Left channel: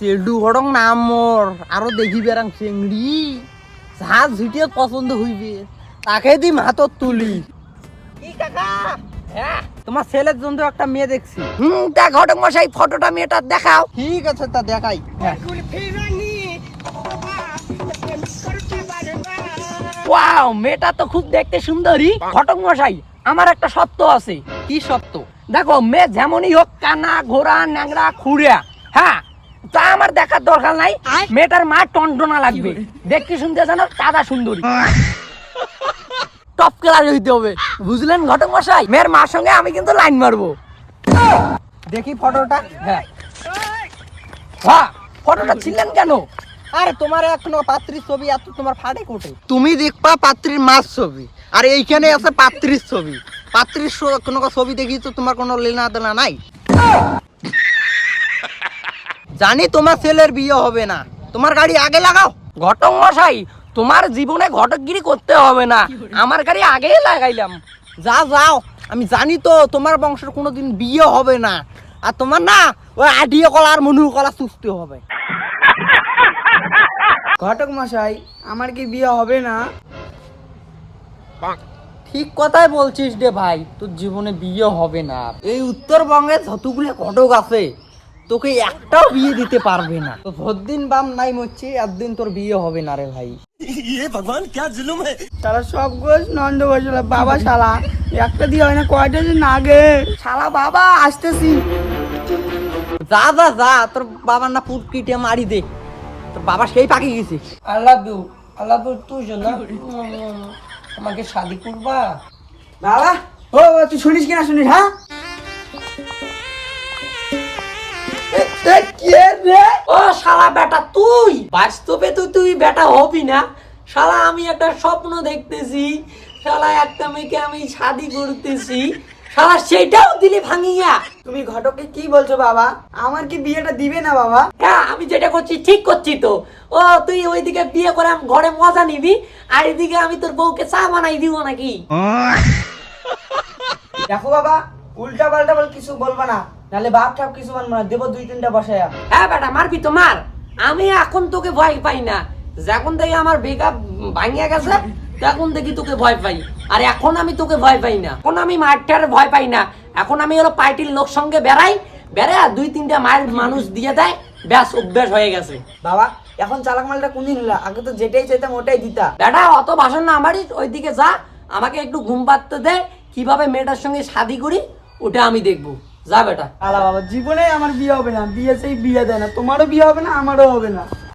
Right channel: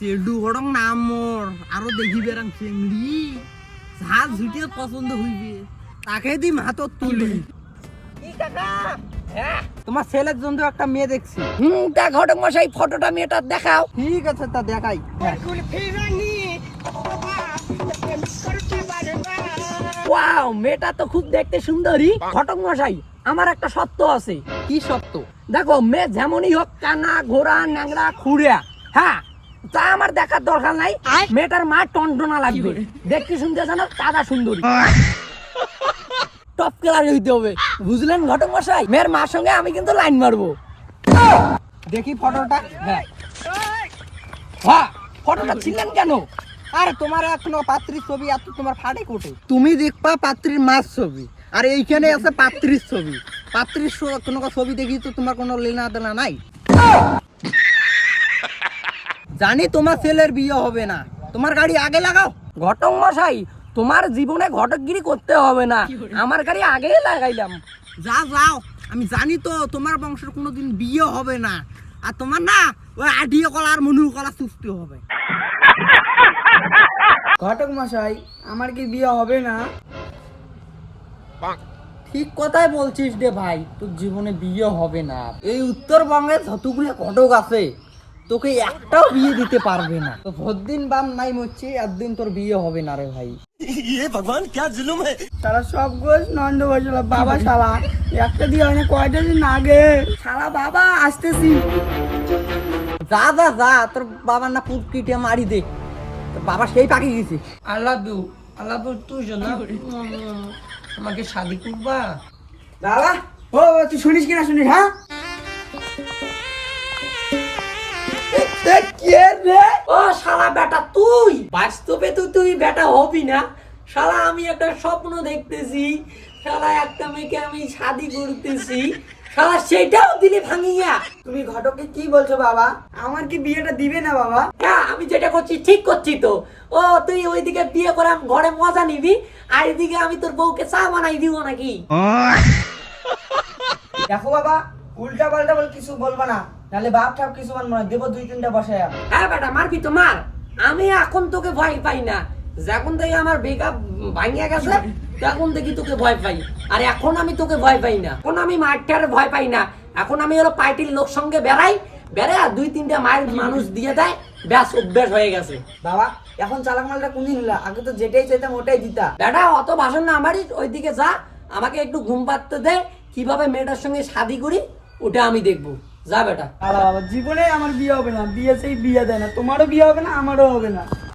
চেডু হরং নাম মোর আরো দেখি বেরাং চেংড়ি যা ঝুটিয়ে পছন্দ হইবে তাকে দিম হাতত তুলি কি কাকা হ্যাঁ তোমার ছেলের জন্য একটা মেয়ে দেখছি তা ঘটক মশাই ফটোটা মেয়েটা দেখাও ঠিক আছে তা দেখাই ওয়াও মেয়েটা তো খুব দেখতে সুন্দরী ঘটক মশাই আমার একটা সত্য আছে কি সত্য দেখো মেয়ে যেমনই হোক কানা ঘোড়া ন্যাংরা খুঁড়িয়া হ্যাঁ তা আমার দেখার দরকার নাই মেয়েটার মা টনটনা লাগবে দেখতে শুনতে যেন কাদা সুন্দরী টপ ক্লাস হইতে হবে বুঝলেন ঘটক মশাই মেয়ের মার সঙ্গে আমি কিন্তু লাইন মারবো দেখি ফটোটা হ্যাঁ হ্যাঁ ফটোটা ছিলেন কেন আরে তোমার এখনো পাত্রীর ছবি এত তোমার ফাটে কোটে তুমি দেখবা পাত্রীর মার ছবি আর এইখানে আছে পাত্রীর ছবি পাত্রীর কোনো ছবি দেখি তো তোমার কোনো লেনা দেনা নাই জানি তোমার ছেলের বিয়ে হবে না তোমার গাড়ি আগে লাগাও ঘটক মশাই তোমার জীবনে ঘটকগিরি করতে হবে না আমার গাড়ি আগে লাগাইলাম যাও আমি জানি তো তোমার বংশের কোনোদিন বিয়ে হবে না আর তোমার না ওই আডিয়ে কলা আর মনুর কলা চুষতে হবে ঘটক মশাই আমার কি বিয়ে হবে না ঠিক কথাই বলছিস রে ভাই তোর জীবনে বিয়ে হবে না এই উত্তরবঙ্গে যতগুলো ঘটক আছে তোকে একটাও বিয়ে দিতে পারবে না তো যতদিন বাম নাই মরছি একদিন তোর বিয়ে হবে না রে ভাই ভগবান क्या जुलुम है শালা সব গোছ নন্দ বসলা বাবা শালা একটা দিয়ে হয় না কয়টা দিন আগে শালা বাবা আসতেছি যা তোর বাবার না পুট কিটে মারি দে তোর বাবা সেই পাকি গেছে আল্লাহ তুই না আমাকে শাদি করবা বাবা ও তুই শুনিস কিনা শুনিস হ্যাঁ ও শালা বেটা তুই বাস্তবে তুই বেটা হবি না শালা আমি একটা স্বপ্ন দেখতেছি শালা একটা মেয়েকে আমি শাদি করতেছি শালা সেটাও দিলি ভাঙিয়া তুমি ঘটকে কি বলছো বাবা আমার কি বিয়েটা দিবে না বাবা হ্যাঁ আমি যেটা করছি ঠিক করছি তো ও তুই ওইদিকে বিয়ে করে ঘরে মজা নিবি আর এদিকে আমি তোর বউকে চা বানাই দিব নাকি দেখো বাবা উল্টা পাল্টা বল কিছু বলবা না নালে বাপ ঠাপ কিছু মানবো না দেবো 2-3টা বসায়া হ্যাঁ বেটা মারবি তো মার আমি এখন তোকে ভয় পাই না যখন থেকে আমার বেকআপ ভাঙিয়া গেছে তখন থেকে তোকে ভয় পাই আর এখন আমি তোকে ভয় পাই না এখন আমি মারটারে ভয় পাই না এখন আমি হলো পার্টির লোক সঙ্গে বেড়াই 2-3টা মায়ের মানুষ দিয়ে দেয় ব্যাস অভ্যাস হয়ে গেছে বাবা এখন চালাক মালটা কোনদিন হলো আগে তো যেটাই চাইতাম ওটাই দিতা বেটা অত ভাষণ না আমারই ওইদিকে যা আমাকে একটু ঘুম পাড়তে দে কিভাবে মেয়েটার সঙ্গে শাদি করি ওটা আমি দেখবো যা বেটা আরে বাবা জীবনে আমার বিয়ে হবে না বিয়ে সেই বিয়ে দেয় না তোমারও বিয়ে হবে না আমারও হবে না